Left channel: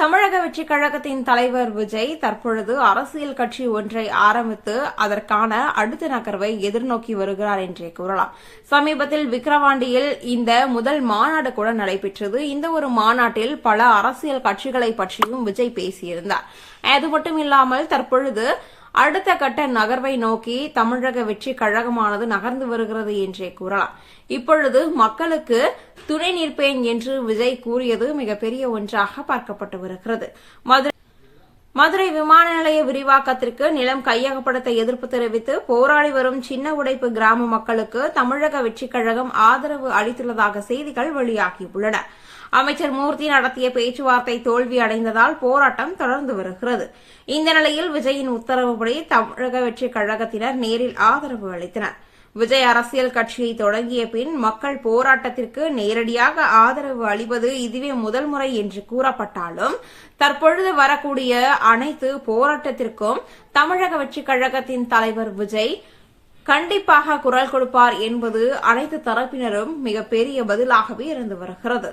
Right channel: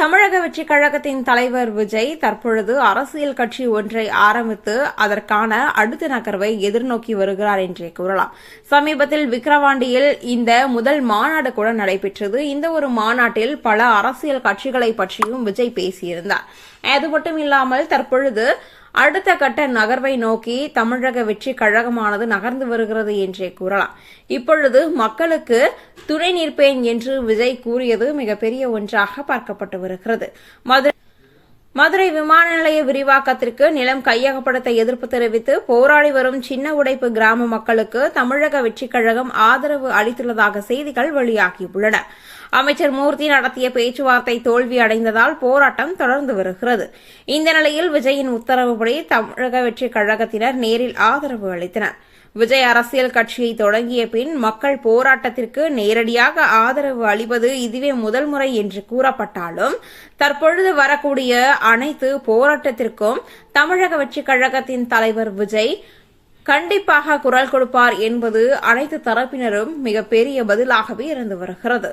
தமிழக வெற்றிக் கழகத்தின் தலைவர் விஜய் தற்பொழுது அரசியல் கட்சி ஒன்றை ஆரம்பித்து அதற்கான அடுத்த நகர்வை எதிர்நோக்கி வருகிறார் என்றே கூறலாம். சமீபத்தில் விக்கிரவாண்டியில் இந்த முதல் மாநாடு கூட நடைபெற்றது. இந்த ஒரு மாநாட்டில் பல அரசியல் கட்சிகளை பற்றியும் விஜய் பேசியிருந்தார். அது மட்டுமில்லாமல் தற்பொழுது அடுத்த கட்ட நகர்வை நோக்கி தமிழக வெற்றிக் கழகமானது நகர்ந்து வருகிறது என்றே கூறலாம். இப்பொழுது மக்களுக்கு துணை நிற்பேன் என்று விஜய் கூறியது மிகப்பெரிய ஒன்றாக பார்க்கப்பட்டு வருகிறது. மதுரை விமான நிலைய விரிவாக்கத்திற்கு நிலம் கையகப்படுத்த எதிர்ப்பு தெரிவித்து போராடி வரும் சின்ன உடைப்பு கிராம மக்களுக்கு தமிழக வெற்றிக் கழகம் ஆதரவு அளித்துள்ளதாக செய்திகள் வெளியாகியுள்ளன. அமைச்சர் மூர்த்தி நடத்திய பேச்சுவார்த்தை தோல்வி அடைந்ததால் போராட்டம் தொடர்ந்து வருகிறது. இந்த நிலையில் விஜயின் உத்தரவுப்படி தமிழக வெற்றிக் கழகத்தினர் நேரில் ஆதரவு அளித்தனர். விஜய் அரசியல் கட்சியை தொடங்கிய பின் மக்கள் போராட்டத்திற்கு நேரடியாக ஆதரவு அளிப்பது இதுவே முதல் முறை என்று கூறப்பட்டாலும் தற்பொழுது வரக்கூடிய அனைத்து போராட்டத்திற்கும் தமிழக வெற்றிக் கழகத்தின் தலைவர் விஜய் கண்டிப்பாக குரல் கொடுப்பார் என்பது அனைத்து தரப்பினரும் மிகப்பெரிய பதிலாகவே இருந்து வருகிறது.